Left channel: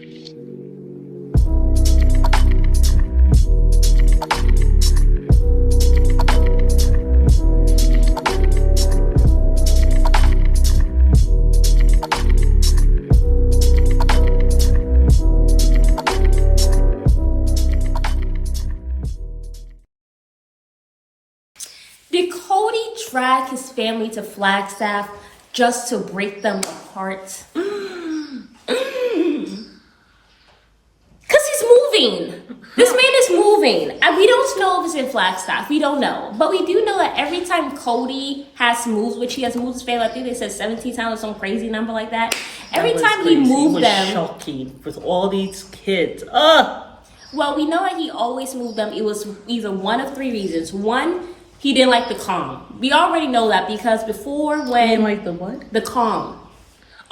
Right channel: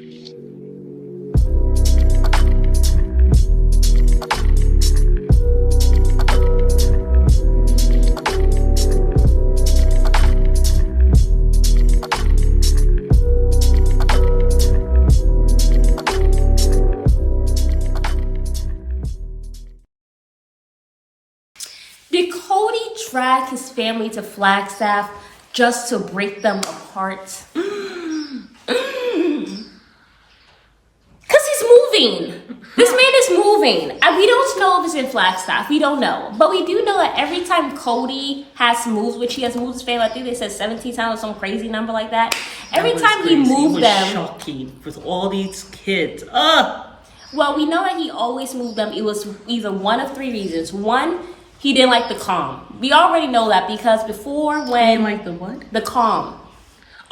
Did Kody drag his family to Flagstaff just to break them apart? Because he's moving. This man is moving. And we don't know if it's in Flagstaff. We don't know. But we do know that every time Kody has moved, which he has moved his family, I think they said 17 times or some crazy number like that. Every time he moved them. It was shocking with all these kids. Well, we know that he always moved them. It was either one of three reasons. One, he didn't like the calm. We already know that because before when... He didn't like the what? The calm.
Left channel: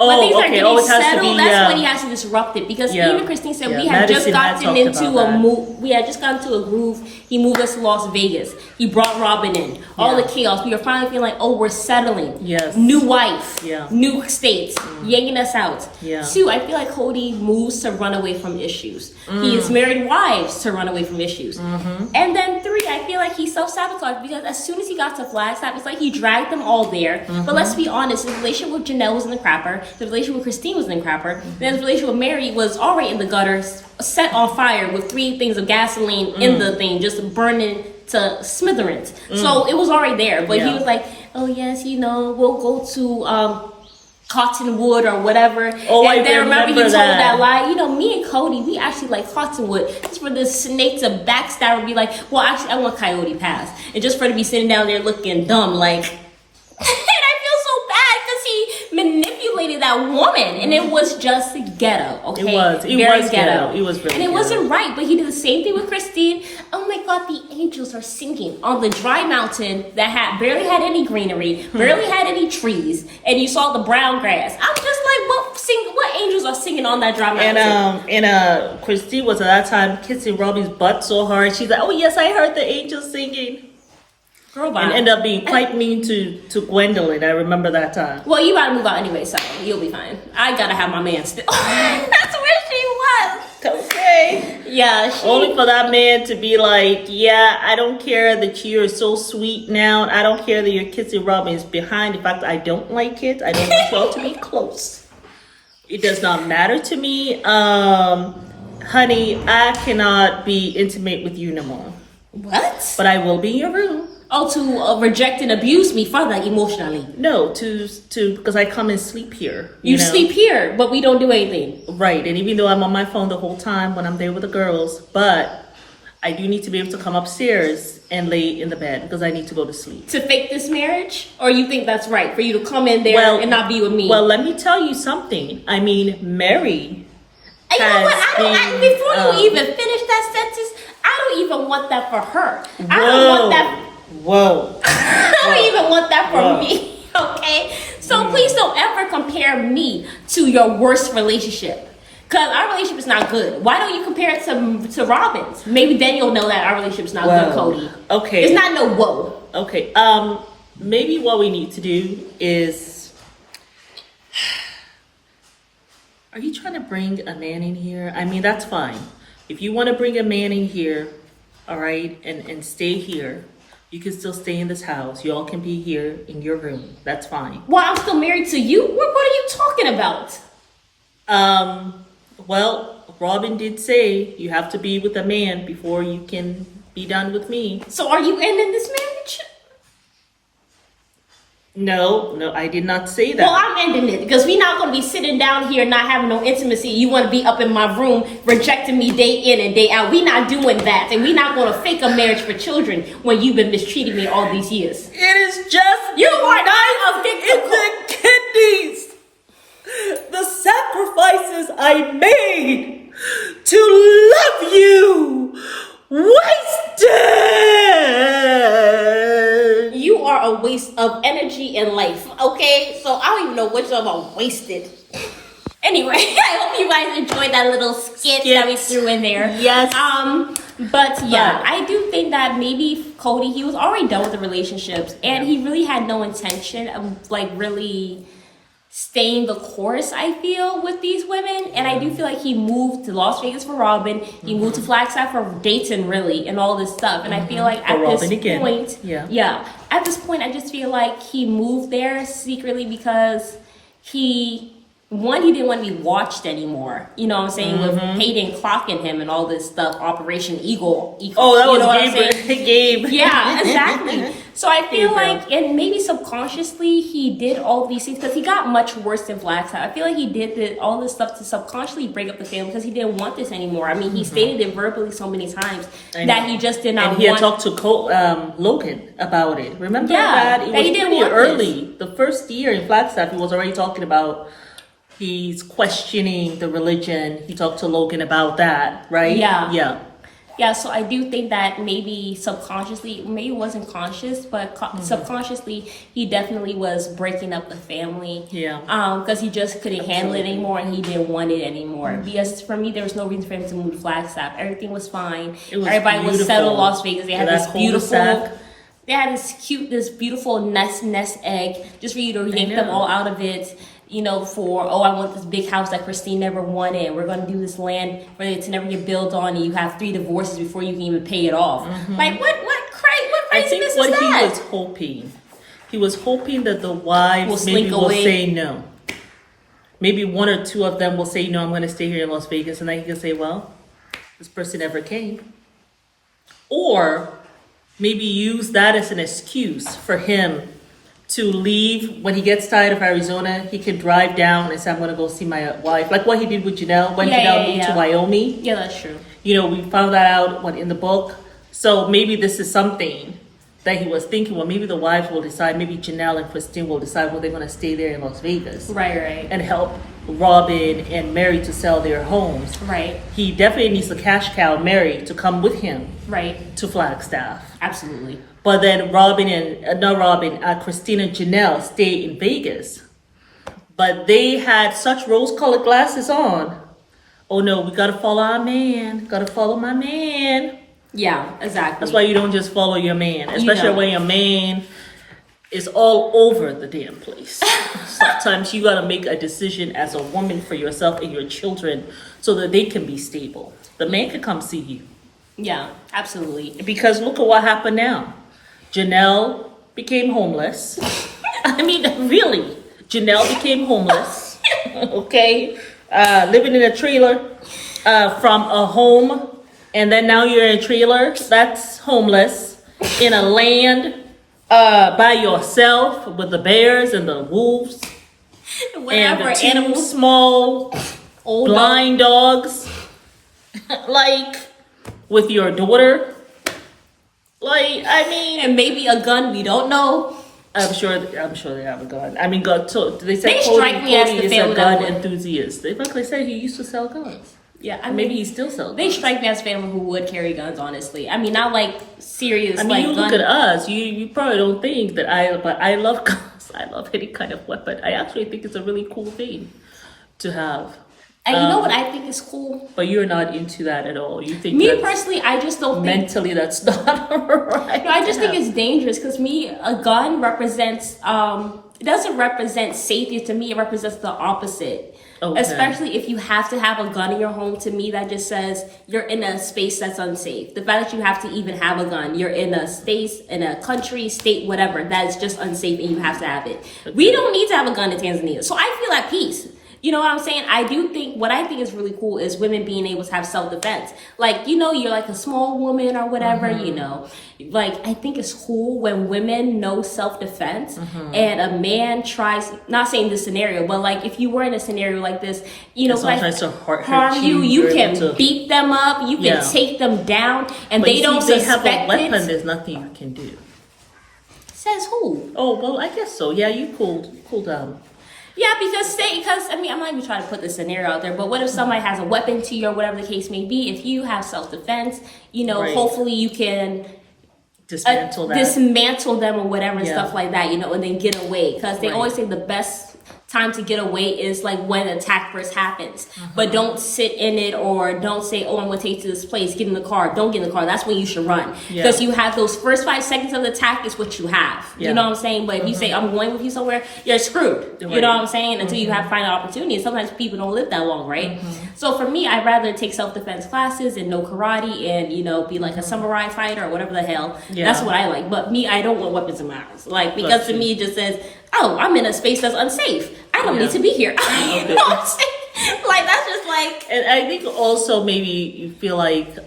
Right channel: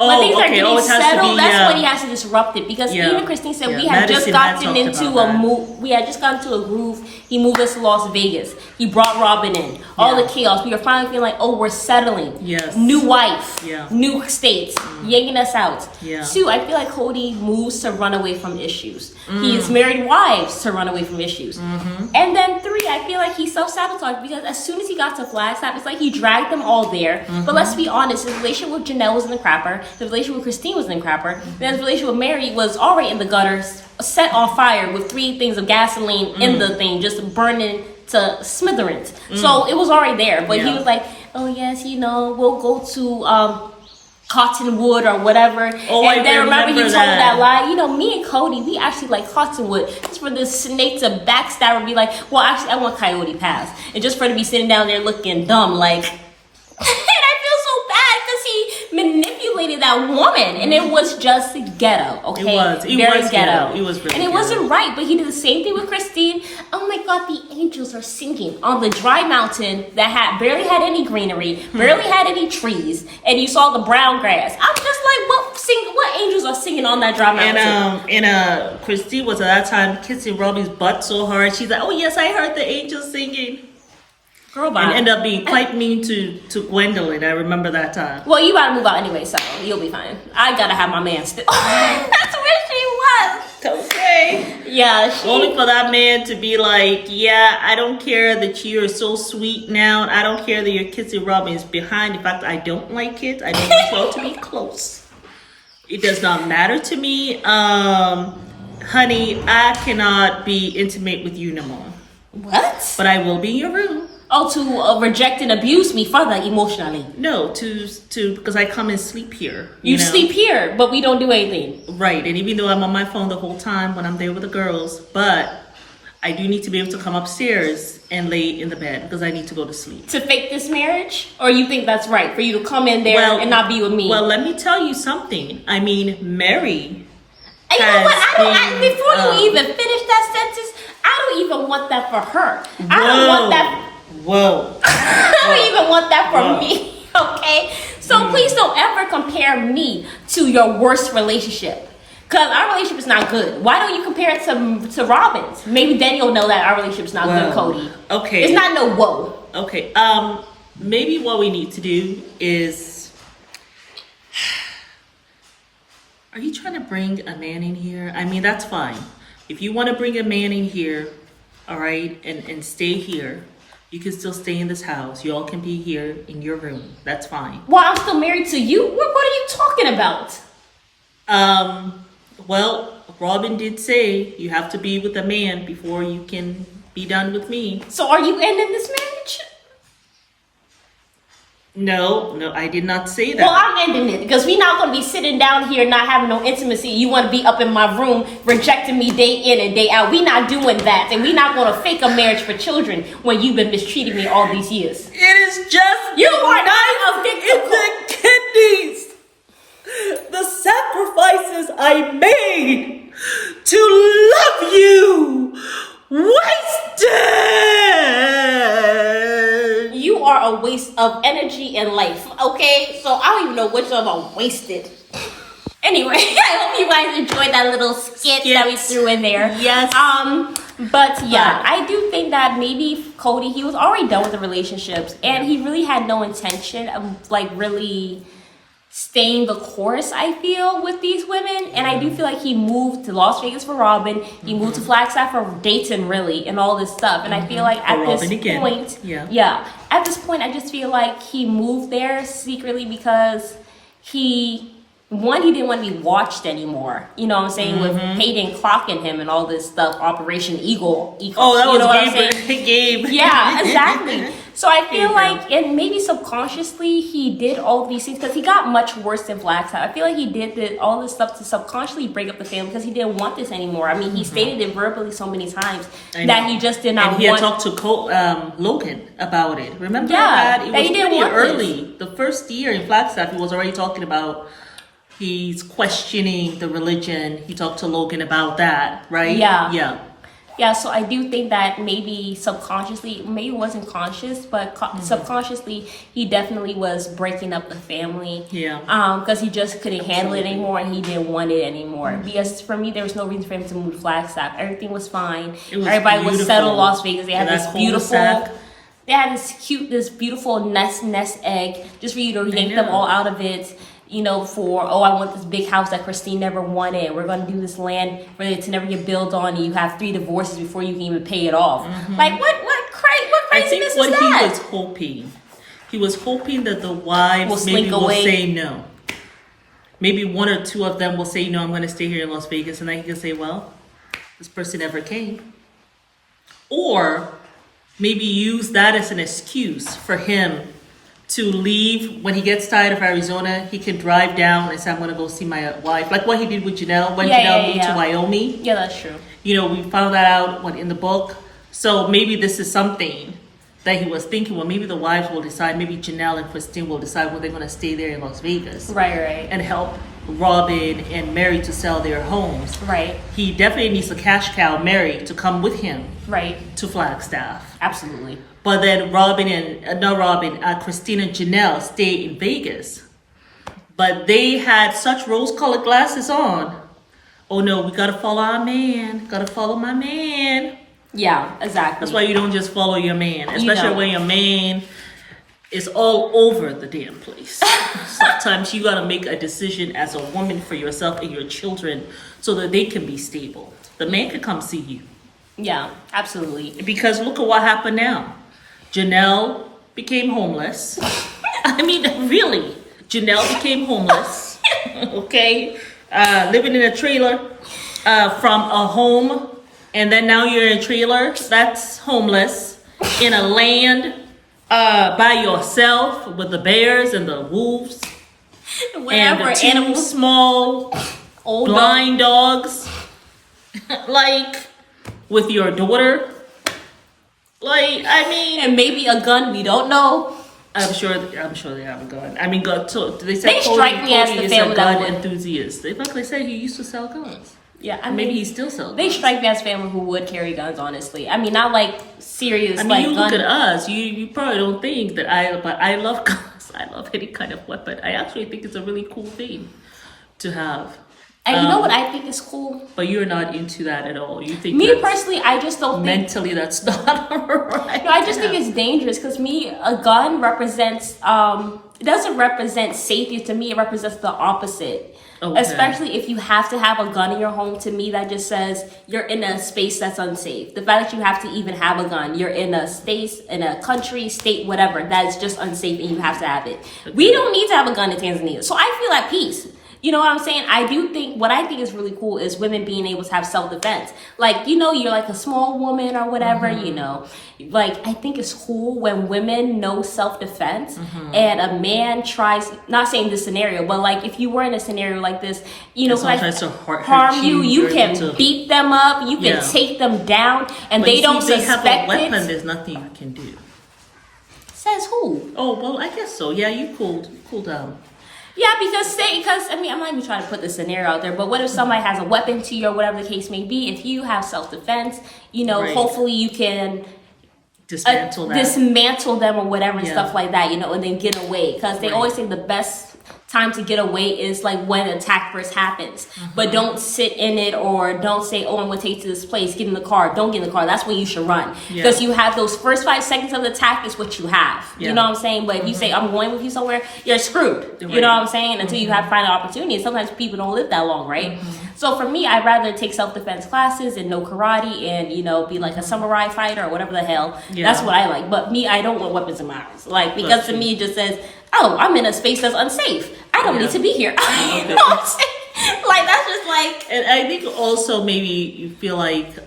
Oh, okay. Oh, it has to be. That's when he has to disrupt it because even Christine said we had just gotten into a move. We had just gotten into a groove. He moved us to Las Vegas. He brought Robin in. All the chaos. We were finally feeling like, oh, we're settling. Yes. New wife. Yeah. New states. Yanking us out. Yeah. Two, I feel like Kody moves to run away from issues. He's married wives to run away from issues. And then three, I feel like he self-sabotaged because as soon as he got to Flagstaff, it's like he dragged them all there. But let's be honest, his relationship with Janelle was in the crapper. The relationship with Christine was in the crapper. Then his relationship with Mary was already in the gutters, set on fire with 3 things of gasoline in the thing, just burning to smithereens. So it was already there. But he was like, oh yes, we'll go to Cottonwood or whatever. Oh, and then I remember he told that. that lie. Me and Kody, we actually like Cottonwood. Just for the snake to backstab and be like, well, actually, I want Coyote Pass. And just for it to be sitting down there looking dumb, like... And I feel so bad because he manipulated that woman. And it was just ghetto, okay? It was ghetto. It was really And it ghetto. wasn't right, but he did the same thing with Christine. Oh my God, the angels are singing on the dry mountain that barely had any greenery, barely had any trees, and you saw the brown grass. I'm just like, what angels are singing on that dry mountain? And Christine was at that time kissing Robbie's butt so hard. She's like, oh yes, I heard the angels singing. Girl, and ended up being quite mean to Gwendolyn. I remember that time. Well, you gotta move out anyway, so you'll be fine. I gotta have my man still. That's where she was. Okay. Yeah. Only for that man to be like, yeah, I don't care that you're so sweet now. I don't care that you're kissing Robin's behind the fact that I don't like kids. I don't want y'all to be close. It does not matter to me. Honey, I cannot be intimate with you no more. What? But I will be in your room. Oh, to reject and abuse me further emotionally? No, to because I come and sleep here. You sleep here, but we don't do anything. Right, and even though I'm on my phone the whole time when I'm there with the girls, but I do need to be able to come upstairs and lay in the bed because I need to go to sleep. To fake this marriage? Or you think that's right, for you to come in there and not be with me? Well, let me tell you something. I mean, Mary and has you know what? Before you even finish that sentence, I don't even want that for her. I don't want that... Whoa. I don't even want that for me, okay? So please don't ever compare me to your worst relationship. Because our relationship is not good. Why don't you compare it to Robin's? Maybe then you'll know that our relationship is not good, Kody. Okay. It's not no whoa. Okay. Maybe what we need to do is... Are you trying to bring a man in here? I mean, that's fine. If you want to bring a man in here, all right, and stay here... You can still stay in this house. Y'all can be here in your room. That's fine. Well, I'm still married to you? What are you talking about? Well, Robin did say you have to be with a man before you can be done with me. So are you ending this marriage? No, I did not say that. Well, I'm ending it because we're not going to be sitting down here not having no intimacy. You want to be up in my room rejecting me day in and day out. We're not doing that. And we're not going to fake a marriage for children when you've been mistreating me all these years. It is just you the knife in the kidneys. The sacrifices I made to love you wasted. You are a waste of energy and life, okay? So I don't even know which of them are wasted. Anyway, I hope you guys enjoyed that little skit that we threw in there. Yes. But I do think that maybe Kody, he was already done with the relationships, and he really had no intention of like really staying the course, I feel, with these women. And I do feel like he moved to Las Vegas for Robin. He moved to Flagstaff for Dayton, really, and all this stuff. And I feel like at this point, at this point, I just feel like he moved there secretly because he didn't want to be watched anymore. You know what I'm saying? With Hayden clocking him and all this stuff, Operation Eagle. Oh, that was Gabe. Yeah, exactly. So I feel like, and maybe subconsciously, he did all these things because he got much worse than Flagstaff. I feel like he did all this stuff to subconsciously break up the family because he didn't want this anymore. I mean, he stated it verbally so many times that he just did not want. And he had talked to Logan about it. Remember that? It was pretty early. The first year in Flagstaff, he was already talking about he's questioning the religion. He talked to Logan about that, right? Yeah, so I do think that maybe subconsciously, maybe it wasn't conscious, but subconsciously, he definitely was breaking up the family. Yeah. Because he just couldn't handle it anymore and he didn't want it anymore. Because for me, there was no reason for him to move to Flagstaff. Everything was fine. Everybody was settled in Las Vegas. They had this beautiful... They had this beautiful nest egg just for you to yank them all out of it. You know, I want this big house that Christine never wanted. We're going to do this land for it to never get built on, and you have 3 divorces before you can even pay it off. Like, what I think what he was hoping that the wives maybe will say no. Maybe 1 or 2 of them will say, no, I'm going to stay here in Las Vegas. And then he can say, well, this person never came. Or maybe use that as an excuse for him to leave. When he gets tired of Arizona, he can drive down and say, I'm going to go see my wife. Like what he did with Janelle when Janelle moved to Wyoming. Yeah, that's true. You know, we found that out in the book. So maybe this is something that he was thinking, well, maybe the wives will decide, maybe Janelle and Christine will decide when they're going to stay there in Las Vegas. Right. And help Robin and Mary to sell their homes. Right. He definitely needs a cash cow, Mary, to come with him. Right. To Flagstaff. Absolutely. But then Christine and Janelle stay in Vegas. But they had such rose-colored glasses on. Oh no, we gotta follow our man. Gotta follow my man. Yeah, exactly. That's why you don't just follow your man, especially when your man is all over the damn place. Sometimes you gotta make a decision as a woman for yourself and your children so that they can be stable. The man can come see you. Yeah, absolutely. Because look at what happened now. Janelle became homeless. I mean, really, Janelle became homeless. Okay, living in a trailer from a home, and then now you're in a trailer that's homeless in a land by yourself with the bears and the wolves and the 2 small blind dogs, like with your daughter. Like, I mean, and maybe a gun, we don't know. I'm sure they have a gun. I mean, they said Kody is a gun enthusiast. They said he used to sell guns. Yeah, I mean, maybe he still sells guns. They strike me as family who would carry guns, honestly. I mean, not like serious. I mean, you look at us, you probably don't think that but I love guns. I love any kind of weapon. I actually think it's a really cool thing to have. And you know what I think is cool? But you're not into that at all. You think me personally, I just don't mentally that's not right. No, I just think it's dangerous because a gun represents it doesn't represent safety to me. It represents the opposite. Okay. Especially if you have to have a gun in your home, to me that just says you're in a space that's unsafe. The fact that you have to even have a gun, you're in a space, in a country, state, whatever, that is just unsafe and you have to have it. Okay. We don't need to have a gun in Tanzania. So I feel at peace. You know what I'm saying? What I think is really cool is women being able to have self-defense. Like, you know, you're like a small woman or whatever, you know. Like, I think it's cool when women know self-defense and a man tries, not saying this scenario, but like if you were in a scenario like this, you know, someone like tries to harm you can beat them up, you can take them down, and they don't suspect it. They have a weapon, there's nothing you can do. Says who? Oh, well, I guess so. Yeah, you cooled down. Yeah, because I mean, I'm not even trying to put the scenario out there, but what if somebody has a weapon to you or whatever the case may be? If you have self-defense, you know, hopefully you can dismantle them or whatever, stuff like that, you know, and then get away. Because they always say the best time to get away is like when the attack first happens. But don't sit in it, or don't say, oh, I'm going to take you to this place, get in the car. Don't get in the car. That's when you should run. Because you have those first 5 seconds of the attack is what you have. You know what I'm saying? But if you say, I'm going with you somewhere, you're screwed. You know what I'm saying? Until you have to find an opportunity. And sometimes people don't live that long, right? So for me, I'd rather take self-defense classes and know karate and, you know, be like a samurai fighter or whatever the hell. That's what I like. But me, I don't want weapons in my house. Like, because to me, it just says, oh, I'm in a space that's unsafe. I don't need to be here. You know what I'm saying? Like, that's just like... And I think also maybe you feel like... it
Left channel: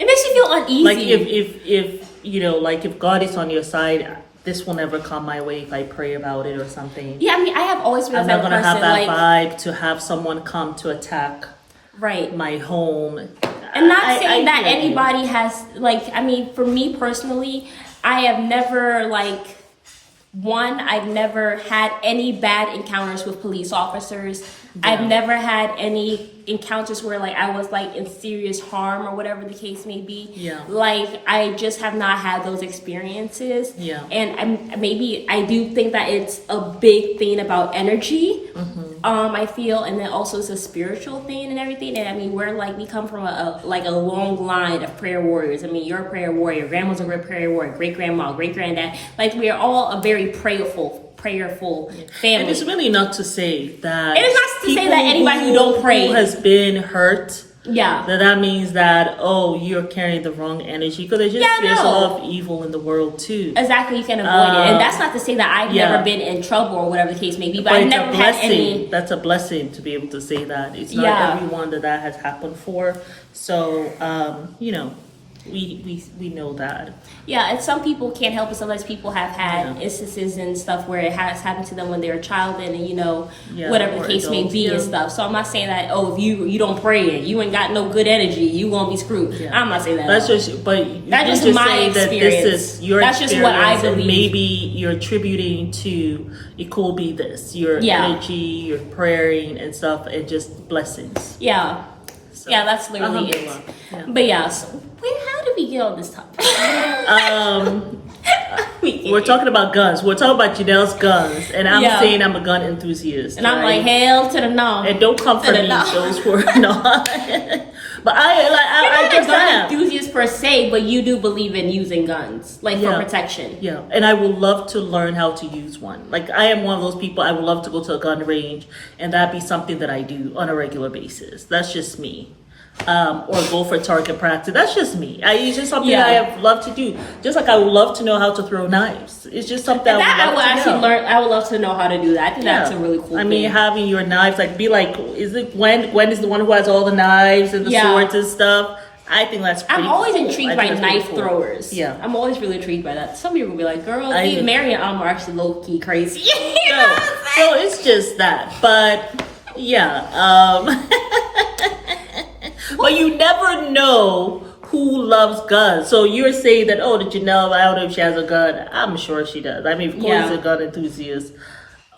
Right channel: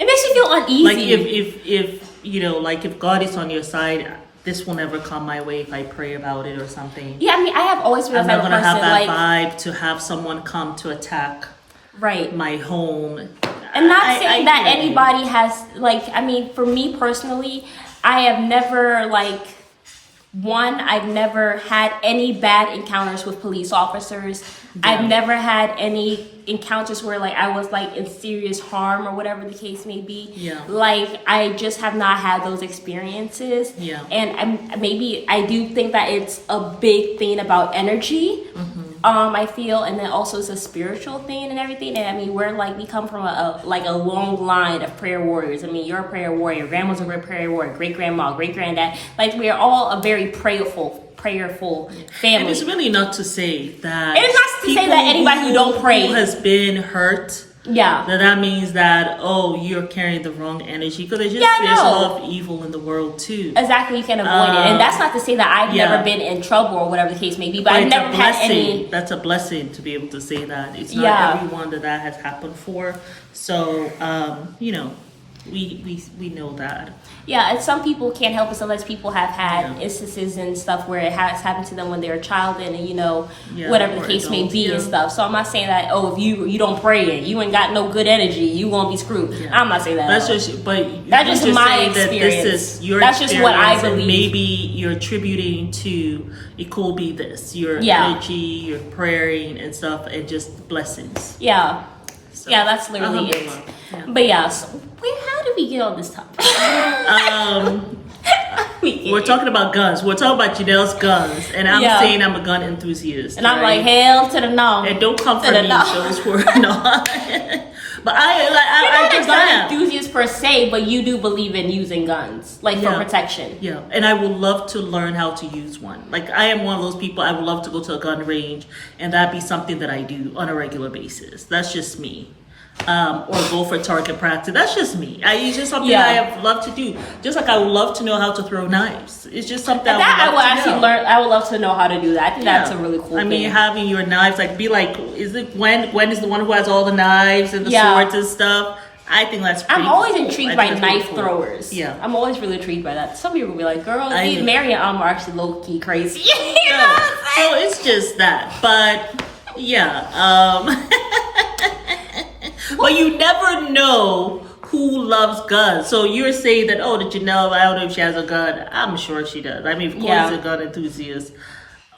makes you feel uneasy. Like if you know, like if God is on your side, this will never come my way if I pray about it or something. Yeah, I mean, I have always been I'm not going to have that like, vibe to have someone come to attack my home. I'm not saying that anybody has, like, I mean, for me personally, I have never, like... I've never had any bad encounters with police officers. I've never had any encounters where like I was like in serious harm or whatever the case may be. Like I just have not had those experiences. And maybe I do think that it's a big thing about energy. I feel, and then also it's a spiritual thing and everything. And I mean, we come from a long line of prayer warriors. I mean, you're a prayer warrior. Your grandma's a great prayer warrior. Great grandma, great granddad. Like we are all a very prayerful family. And it's really not to say that it's not to say that anybody who don't pray who has been hurt. That means that you're carrying the wrong energy, because there's a lot of evil in the world too. Exactly, you can avoid it, and that's not to say that I've never been in trouble or whatever the case may be. But I've it's never a blessing. Had any... That's a blessing to be able to say that. It's not everyone that has happened for. So you know, we know that. Yeah, and some people can't help it. Sometimes people have had instances and stuff where it has happened to them when they were a child, and you know, whatever the case may be and stuff. So I'm not saying that if you don't pray and you ain't got no good energy, you won't be screwed. I'm not saying that. That's just, but you just just my say experience. that this is your That's experience, just what I believe. and maybe you're attributing to it could be this your energy, your praying and stuff, and just blessings. So, that's literally it. But so how did we get on this topic? We're talking about guns. We're talking about Janelle's guns, and I'm saying I'm a gun enthusiast. And I'm like, hell to the no. And don't come for me, those who are not. But I just am enthusiast per se, but you do believe in using guns, like for protection. And I would love to learn how to use one. Like I am one of those people. I would love to go to a gun range, and that be something that I do on a regular basis. That's just me. Or go for target practice. That's just me. It's just something I have loved to do. Just like I would love to know how to throw knives. It's just something I would love to know. I would love to know how to do that. I think that's a really cool thing. I mean, having your knives, is it Gwen is the one who has all the knives and the swords and stuff? I think that's pretty I'm always cool. intrigued by knife throwers. I'm always really intrigued by that. Some people will be like, girl, Mary and are actually low-key crazy. So it's just that. But but you never know who loves guns. So you're saying that, the Janelle, I don't know if she has a gun. I'm sure she does. I mean, of course, she's a gun enthusiast.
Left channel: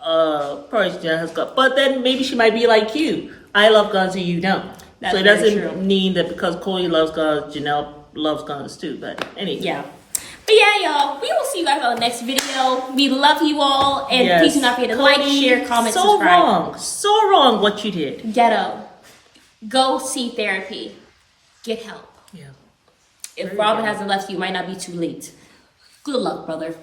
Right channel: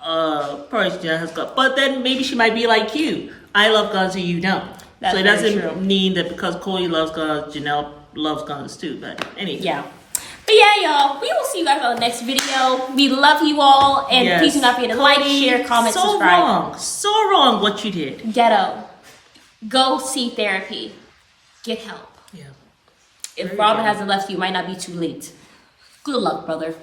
Probably Janelle has a gun. But then maybe she might be like you. I love guns and you don't. So it doesn't mean that because Kody loves guns, Janelle loves guns too. But anyway. But y'all, we will see you guys on the next video. We love you all. And please do not forget to like, share, comment, subscribe. So wrong what you did. Ghetto. Go see therapy. Get help. If Robin hasn't left you, it might not be too late. Good luck, brother.